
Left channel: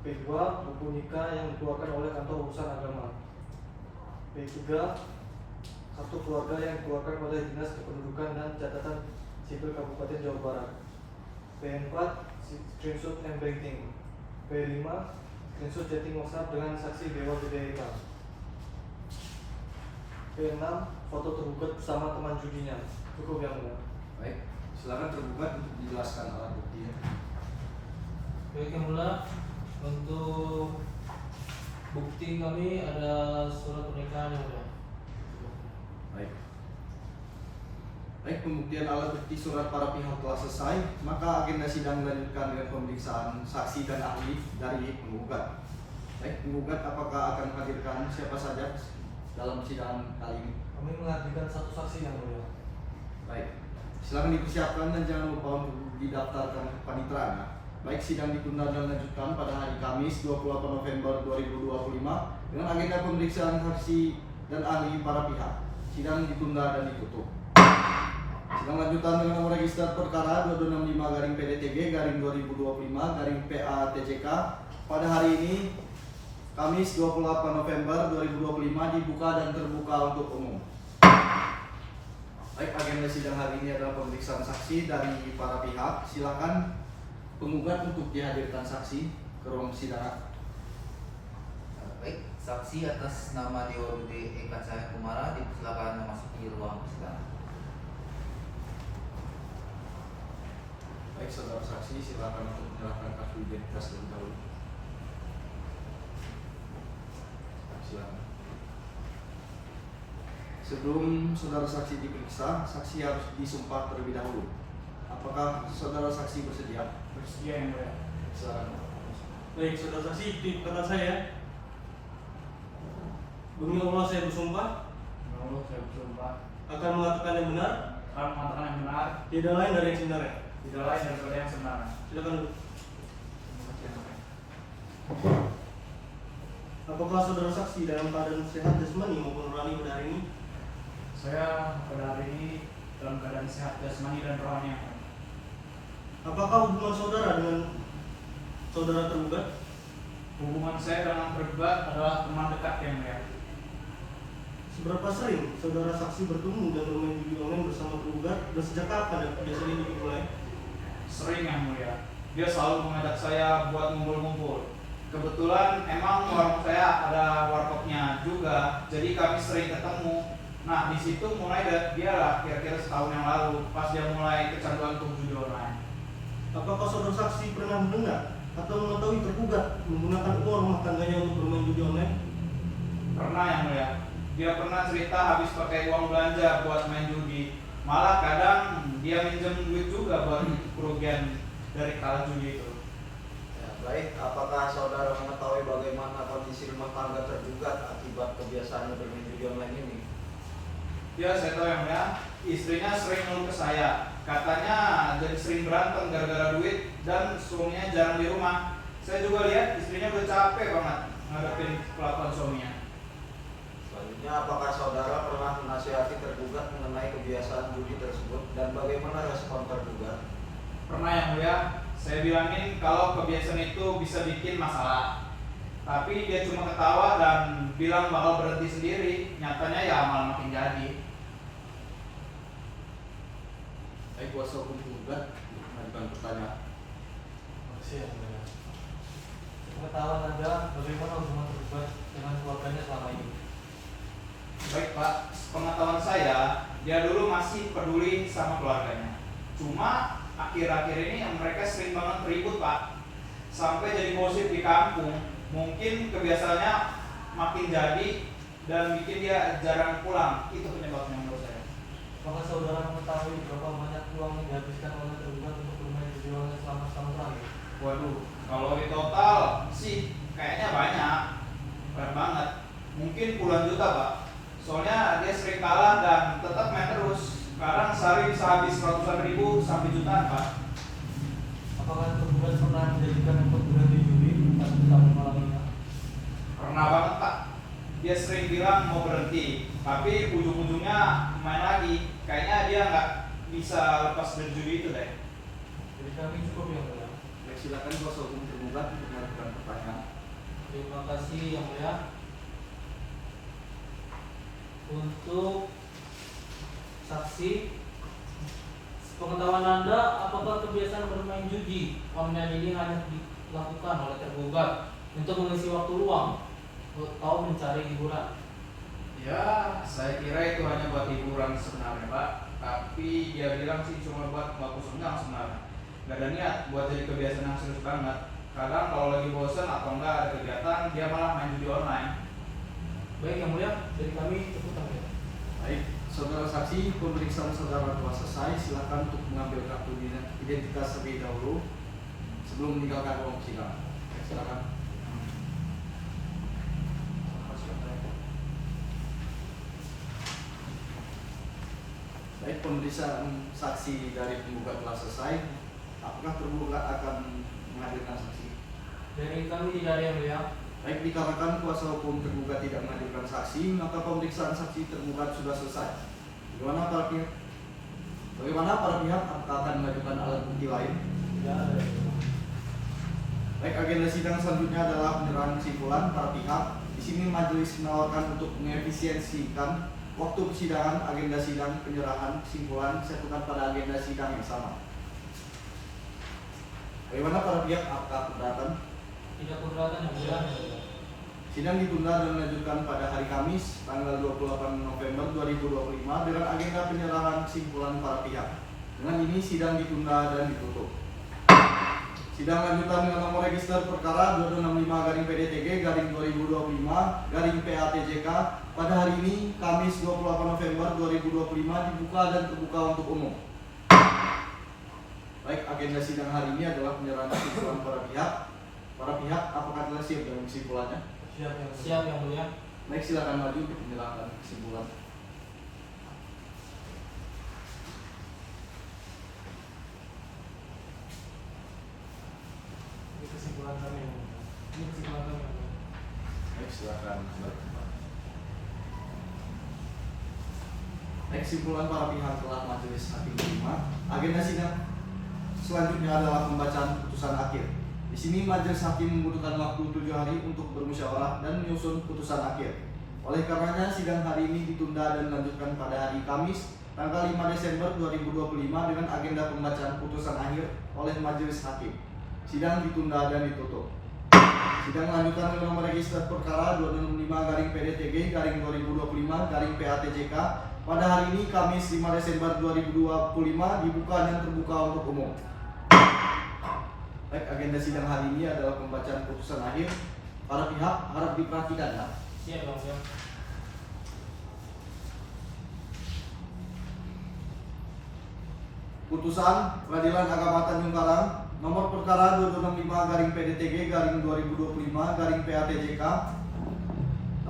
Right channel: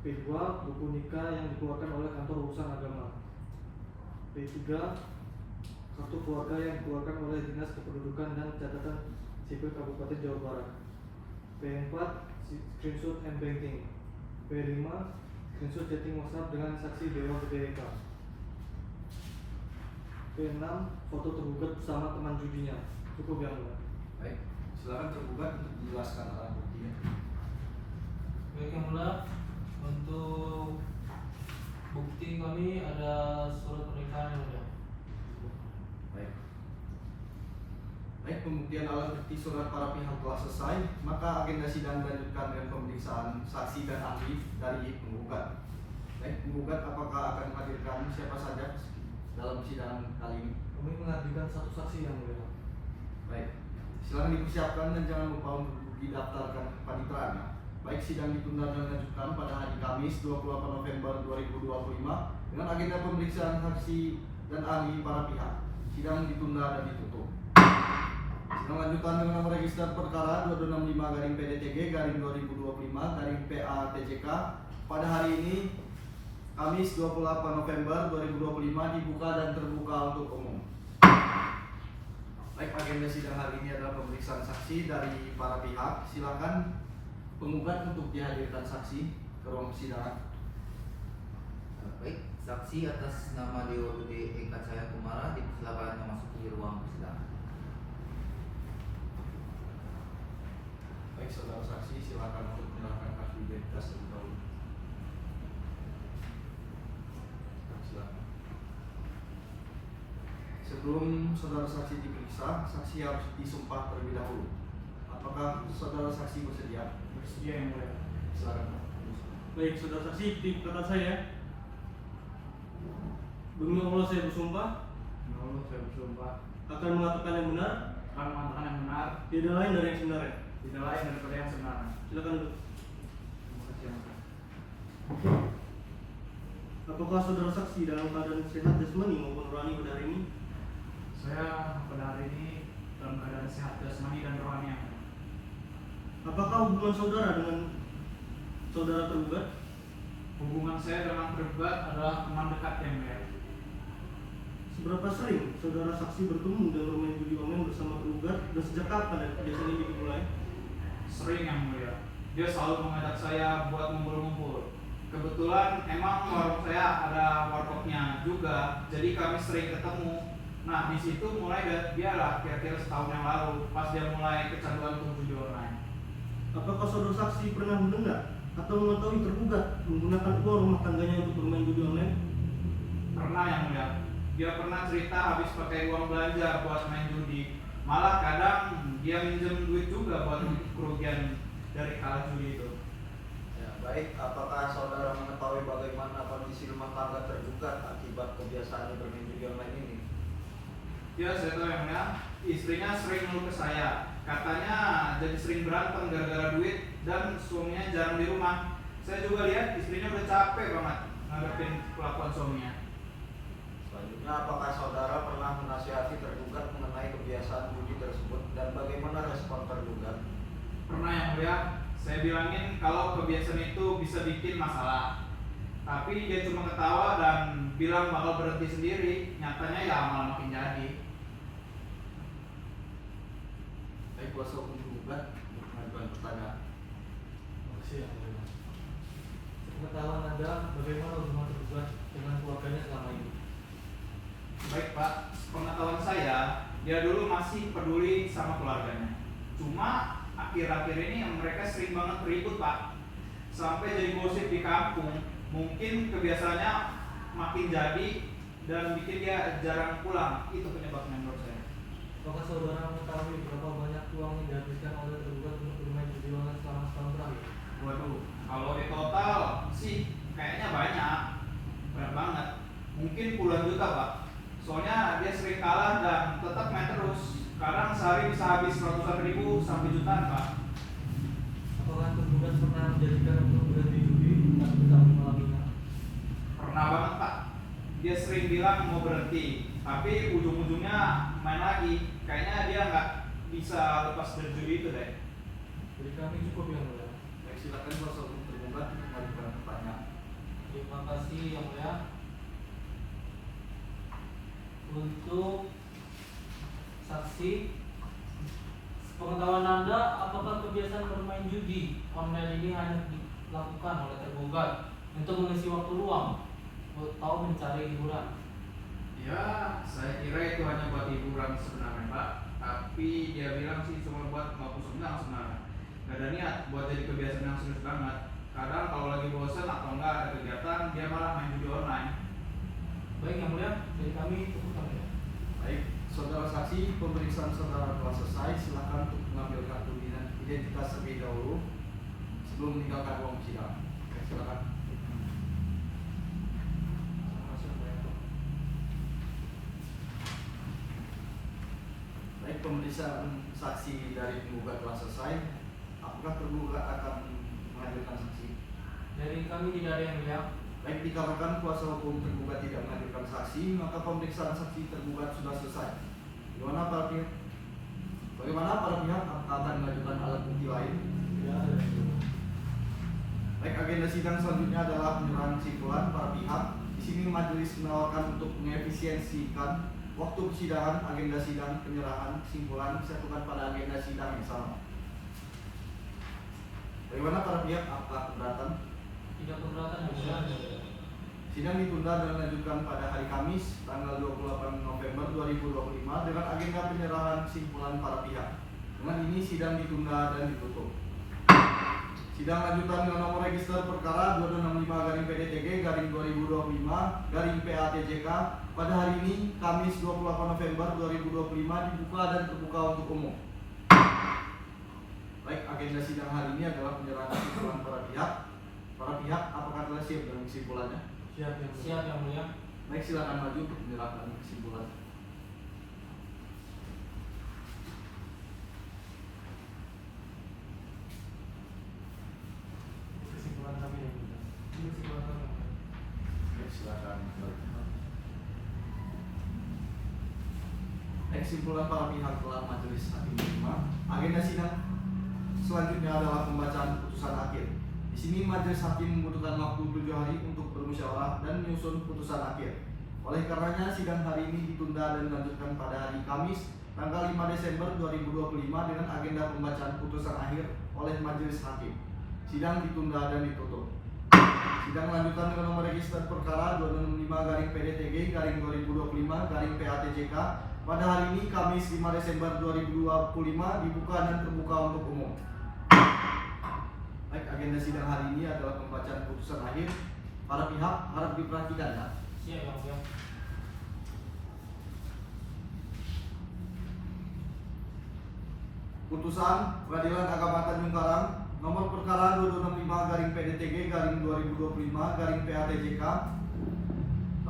P2 buku nikah yang dikeluarkan oleh kantor urusan agama. P3 kartu keluarga yang dikeluarkan oleh Dinas Kependudukan dan Catatan Sipil Kabupaten Jawa Barat. P4 screenshot m-banking. P5 screenshot chatting WhatsApp dengan saksi Dewa BDK. P6 foto tergugat bersama teman judinya. Cukup Yang Mulia. Baik, silakan tergugat untuk dijelaskan alat buktinya. Baik Yang Mulia, untuk bukti kami ada surat pernikahan Yang Mulia. Baik. Baik, pembuktian alat bukti surat para pihak telah selesai, maka agenda sidang dilanjutkan dengan pemeriksaan saksi dan ahli dari penggugat. Baik, penggugat apakah akan menghadirkan siapa saja dalam sidang kali ini? Kami menghadirkan satu saksi Yang Mulia. Baik, silakan dipersiapkan dan jangan lupa untuk didaftarkan ke panitera. Baik, sidang ditunda dan dilanjutkan pada hari Kamis 28 November 2025 dengan agenda pemeriksaan saksi dan ahli para pihak. Sidang ditunda dan ditutup. Sidang lanjutan dengan nomor register perkara 2265-PDTG-2025-PATJK pada hari ini Kamis 28 November 2025 dibuka dan terbuka untuk umum. Baik, agenda sidang hari ini adalah pemeriksaan saksi dari para pihak. Silakan penggugat untuk dihadirkan saksi ke ruang persidangan. Baik, saksi atas nama Dewa Budi Eka Cahaya Kumara dipersilakan memasuki ruang persidangan. Baik, saudara saksi, silakan untuk menyerahkan kartu identitas terlebih dahulu. Silakan. Sebelum saudara saksi diperiksa, saksi harus disumpah terlebih dahulu. Apakah saudara saksi bersedia? Bersedia Yang Mulia. Silakan. Baik, saudara saksi, di perkataan saya, demi Allah saya bersumpah Menurut saya bersumpah akan mengatakan yang benar, akan mengatakan yang benar, tidak lain dari yang sebenarnya. tidak lain daripada yang sebenarnya. Silakan duduk. Terima kasih Yang Mulia. Apakah saudara saksi dalam keadaan sehat jasmani maupun rohani pada hari ini? Saya pada hari ini dalam keadaan sehat jasmani dan rohani Yang Mulia. Apakah hubungan saudara dengan saudara tergugat? Hubungan saya dengan tergugat adalah teman dekat Yang Mulia. Seberapa sering saudara saksi bertemu dan bermain judi online bersama tergugat dan sejak kapan biasanya dimulai? Sering Yang Mulia. Dia selalu mengajak saya buat ngumpul-ngumpul. Kebetulan emang warung saya ada warkopnya juga, jadi kami sering ketemu. Nah di situ mulai dia lah kira-kira setahun yang lalu pas dia mulai kecanduan untuk judi online. Apakah saudara saksi pernah mendengar atau mengetahui tergugat menggunakan uang rumah tangganya untuk bermain judi online? Pernah Yang Mulia. Dia pernah cerita habis pakai uang belanja buat main judi. Malah kadang dia minjem duit juga buat kerugian dari kalah judi itu. Ya, baik, apakah saudara mengetahui bagaimana kondisi rumah tangga tergugat akibat kebiasaannya bermain judi online ini? Ya saya tahu Yang Mulia, istrinya sering ngeluh ke saya. Katanya jadi sering berantem gara-gara duit dan suaminya jarang di rumah. Saya juga lihat istrinya udah capek banget ngadepin kelakuan suaminya. Selanjutnya, apakah saudara pernah menasihati tergugat mengenai kebiasaan judi tersebut dan bagaimana respon tergugat? Pernah yang mulia, saya bilangin kalau kebiasaan itu bisa bikin masalah. Tapi dia cuma ketawa dan bilang bakal berhenti sendiri. Nyatanya ya malah makin jadi. Baik, kuasa hukum tergugat mengajukan pertanyaan. Makasih ya mulia. Pengetahuan Anda bagaimana hubungan tergugat dengan keluarganya selama ini? Baik Pak, pengetahuan saya, dia dulu masih peduli sama keluarganya. Cuma akhir-akhir ini mereka sering banget ribut Pak. Sampai jadi gosip di kampung. Mungkin kebiasaannya makin jadi dan bikin dia jarang pulang. Itu penyebabnya menurut saya. Apakah saudara mengetahui berapa banyak uang yang dihabiskan oleh tergugat untuk bermain judi online selama setahun terakhir? Waduh, kalau di total sih kayaknya banyak banget. Mungkin puluhan juta Pak. Soalnya dia sering kalah dan tetap main terus. Sekarang sehari bisa habis ratusan ribu sampai jutaan Pak. Apakah tergugat pernah menjadikan untuk berhenti judi atau tidak mengalaminya? Pernah banget Pak. Dia sering bilang mau berhenti, tapi ujung-ujungnya main lagi. Kayaknya dia nggak bisa lepas dari judi itu deh. Jadi kami cukup yang mulia. Baik, silakan kuasa hukum tergugat untuk mengajukan pertanyaan. Terima kasih yang mulia. Untuk saksi, pengetahuan Anda, apakah kebiasaan bermain judi online ini hanya dilakukan oleh tergugat untuk mengisi waktu luang atau mencari hiburan? Ya, saya kira itu hanya buat hiburan sebenarnya Pak. Tapi dia bilang sih cuma buat bagus senang sebenarnya. Gak ada niat buat jadi kebiasaan yang serius banget. Kadang kalau lagi bosen atau enggak ada kegiatan, dia malah main judi online. Baik yang mulia, dari kami cukup yang mulia. Baik, saudara saksi, pemeriksaan saudara telah selesai. Silakan untuk mengambil kartu identitas terlebih dahulu sebelum meninggalkan ruang sidang. Baik, silakan. Terima kasih yang mulia. Baik, pemeriksaan saksi dari penggugat telah selesai. Apakah tergugat akan menghadirkan saksi? Dari kami tidak ada yang mulia. Baik, dikarenakan kuasa hukum tergugat tidak menghadirkan saksi, maka pemeriksaan saksi tergugat sudah selesai. Bagaimana para pihak? Apakah akan mengajukan alat bukti lain? Tidak ada yang mulia. Baik, agenda sidang selanjutnya adalah penyerahan kesimpulan para pihak. Di sini majelis menawarkan untuk mengefisiensikan waktu persidangan, agenda sidang, penyerahan kesimpulan disatukan pada agenda sidang yang sama. Bagaimana para pihak? Apakah keberatan? Tidak keberatan yang mulia. Sidang ditunda dan dilanjutkan pada hari Kamis, tanggal 28 November 2025 dengan agenda penyerahan kesimpulan para pihak. Dengan ini sidang ditunda dan ditutup. Sidang lanjutan dengan nomor register perkara 2265-PDTG-2025-PATJK pada hari ini, Kamis 28 November 2025 dibuka dan terbuka untuk umum. Baik, agenda sidang hari ini adalah penyerahan kesimpulan para pihak. Para pihak, apakah telah siap dengan kesimpulannya? Siap yang mulia. Baik, silakan maju untuk menyerahkan kesimpulan. Ini kesimpulan kami yang mulia. Ini kesimpulan kami yang mulia. Baik, silakan kembali ke tempat. Baik, kesimpulan para pihak telah majelis hakim terima. Agenda sidang selanjutnya adalah pembacaan putusan akhir. Di sini majelis hakim membutuhkan waktu 7 hari untuk bermusyawarah dan menyusun putusan akhir. Oleh karenanya sidang hari ini ditunda dan dilanjutkan pada hari Kamis tanggal 5 Desember 2025 dengan agenda pembacaan putusan akhir oleh majelis hakim. Sidang ditunda dan ditutup. Sidang lanjutan dengan nomor register perkara 265-PDTG-2025-PATJK pada hari ini Kamis 5 Desember 2025 dibuka dan terbuka untuk umum. Baik, agenda sidang hari ini adalah pembacaan putusan akhir. Para pihak harap diperhatikan ya. Siap yang mulia. Putusan Pengadilan Agama Tanjung Karang nomor perkara 2265-PDTG-2025-PATJK.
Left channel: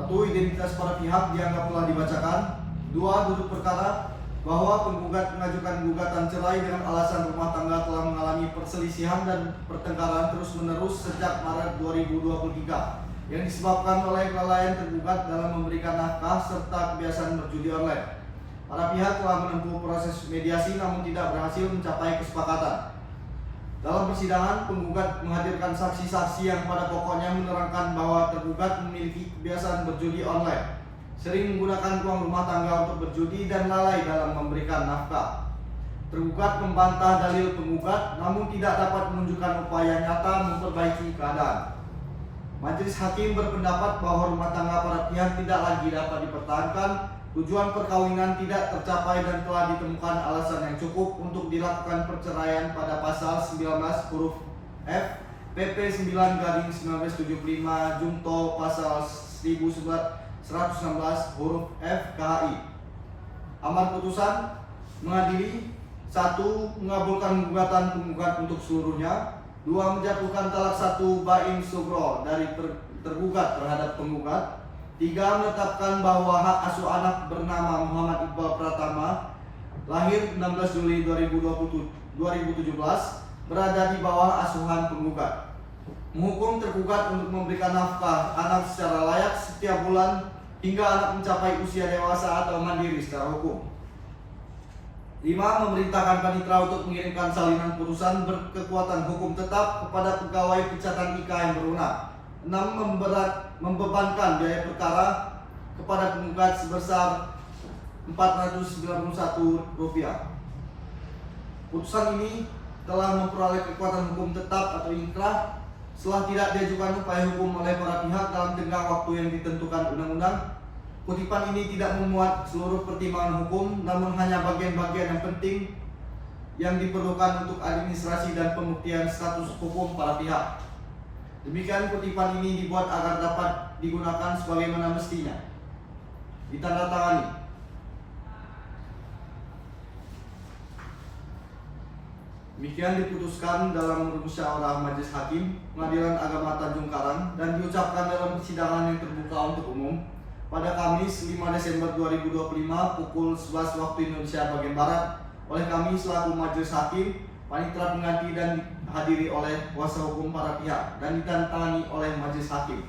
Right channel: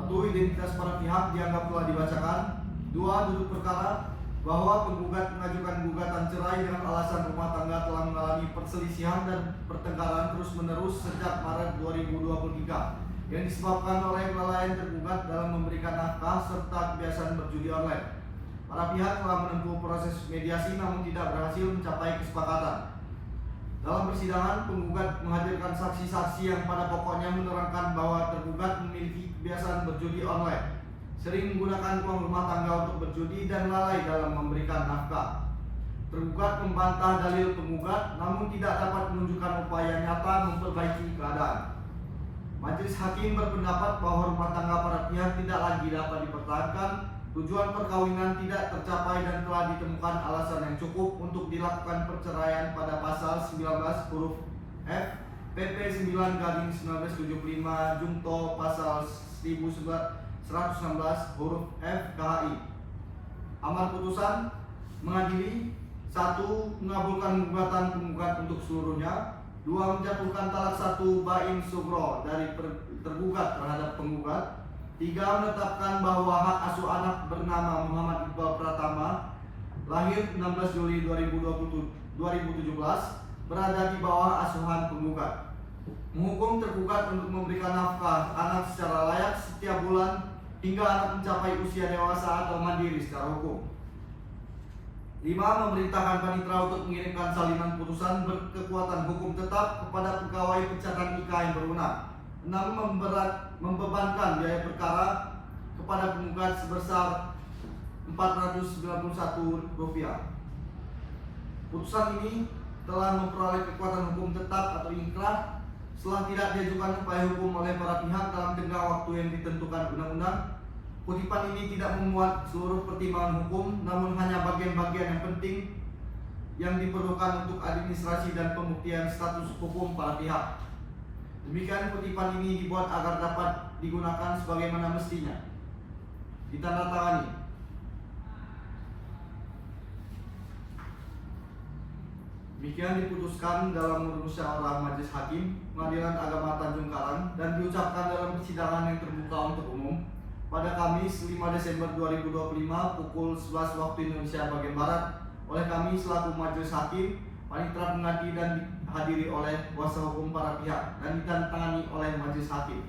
1. Identitas para pihak dianggap telah dibacakan. 2. Duduk perkara bahwa penggugat mengajukan gugatan cerai dengan alasan rumah tangga telah mengalami perselisihan dan pertengkaran terus-menerus sejak Maret 2023 yang disebabkan oleh kelalaian tergugat dalam memberikan nafkah serta kebiasaan berjudi online. Para pihak telah menempuh proses mediasi namun tidak berhasil mencapai kesepakatan. Dalam persidangan, penggugat menghadirkan saksi-saksi yang pada pokoknya menerangkan bahwa tergugat memiliki kebiasaan berjudi online, sering menggunakan uang rumah tangga untuk berjudi dan lalai dalam memberikan nafkah. Tergugat membantah dalil penggugat namun tidak dapat menunjukkan upaya nyata memperbaiki keadaan. Majelis hakim berpendapat bahwa rumah tangga para pihak tidak lagi dapat dipertahankan, tujuan perkawinan tidak tercapai dan telah ditemukan alasan yang cukup untuk dilakukan perceraian pada pasal 19 huruf F PP 9/1975 Junto pasal 1116 huruf F KHI. Amar putusan mengadili: 1. Mengabulkan gugatan penggugat untuk seluruhnya. 2. Menjatuhkan talak 1 bain sugro dari tergugat terhadap penggugat. 3. Menetapkan bahwa hak asuh anak bernama Muhammad Iqbal Pratama, lahir 16 Juli 2017, berada di bawah asuhan penggugat. Menghukum tergugat untuk memberikan nafkah anak secara layak setiap bulan hingga anak mencapai usia dewasa atau mandiri secara hukum. 5. Memerintahkan panitera untuk mengirimkan salinan putusan berkekuatan hukum tetap kepada pegawai pencatatan IK yang berwenang. 6. Membebankan biaya perkara kepada penggugat sebesar Rp491. Putusan ini telah memperoleh kekuatan hukum tetap atau inkrah setelah tidak diajukan upaya hukum oleh para pihak dalam tenggang waktu yang ditentukan undang-undang. Kutipan ini tidak memuat seluruh pertimbangan hukum, namun hanya bagian-bagian yang penting yang diperlukan untuk administrasi dan pembuktian status hukum para pihak. Demikian kutipan ini dibuat agar dapat digunakan sebagaimana mestinya. Ditandatangani. Demikian diputuskan dalam musyawarah Majelis Hakim Pengadilan Agama Tanjung Karang dan diucapkan dalam persidangan yang terbuka untuk umum pada Kamis 5 Desember 2025 pukul 11 waktu Indonesia bagian Barat oleh kami selaku Majelis Hakim, panitera pengganti dan dihadiri oleh kuasa hukum para pihak dan ditandatangani oleh Majelis Hakim.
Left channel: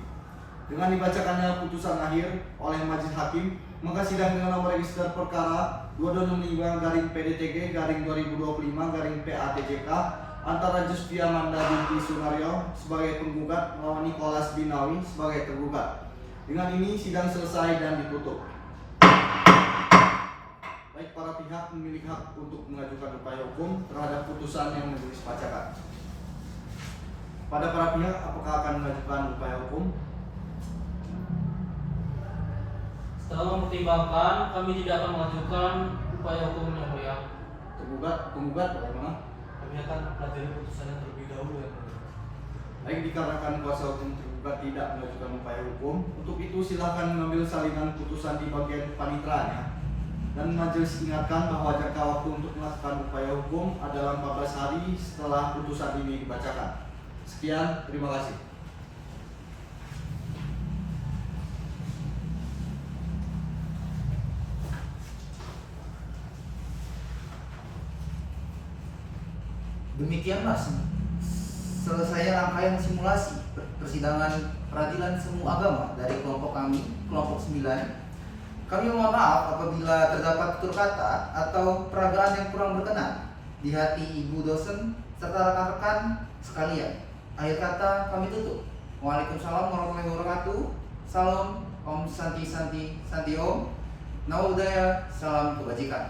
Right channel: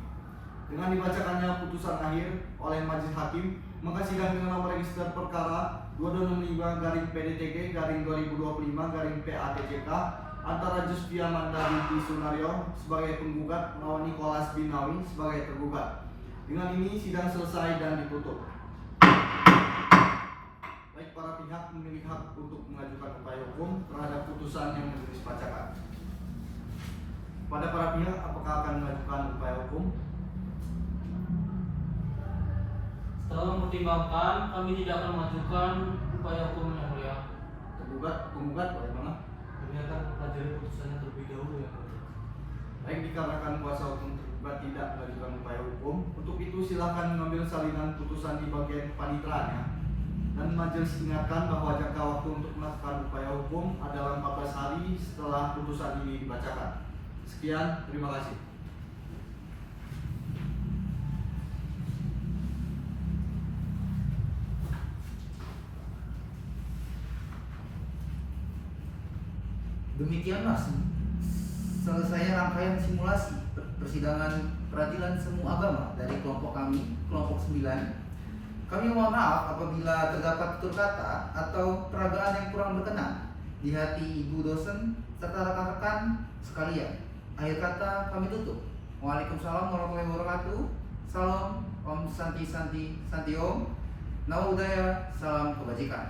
Dengan dibacakannya putusan akhir oleh Majelis Hakim, maka sidang dengan nomor register perkara 2265/PDTG/2025/PATCK antara Justia Manda binti Sunario sebagai penggugat melawan Nicholas Binawi sebagai tergugat. Dengan ini sidang selesai dan ditutup. Baik, para pihak memiliki hak untuk mengajukan upaya hukum terhadap putusan yang majelis bacakan. Pada para pihak, apakah akan mengajukan upaya hukum? Setelah mempertimbangkan, kami tidak akan mengajukan upaya hukum yang mulia. Penggugat bagaimana? Kami akan pelajari putusannya terlebih dahulu ya. Baik, dikarenakan kuasa hukum tergugat tidak mengajukan upaya hukum, untuk itu silahkan mengambil salinan putusan di bagian paniteranya. Dan majelis ingatkan bahwa jangka waktu untuk melakukan upaya hukum adalah 14 hari setelah putusan ini dibacakan. Sekian, terima kasih. Demikianlah selesai rangkaian simulasi persidangan peradilan semu agama dari kelompok kami, kelompok 9. Kami mohon maaf apabila terdapat tutur kata atau peragaan yang kurang berkenan di hati ibu dosen serta rekan-rekan sekalian. Akhir kata kami tutup. Waalaikumsalam warahmatullahi wabarakatuh. Salam, Om Santi Santi Santi Om. Namo Buddhaya, salam kebajikan.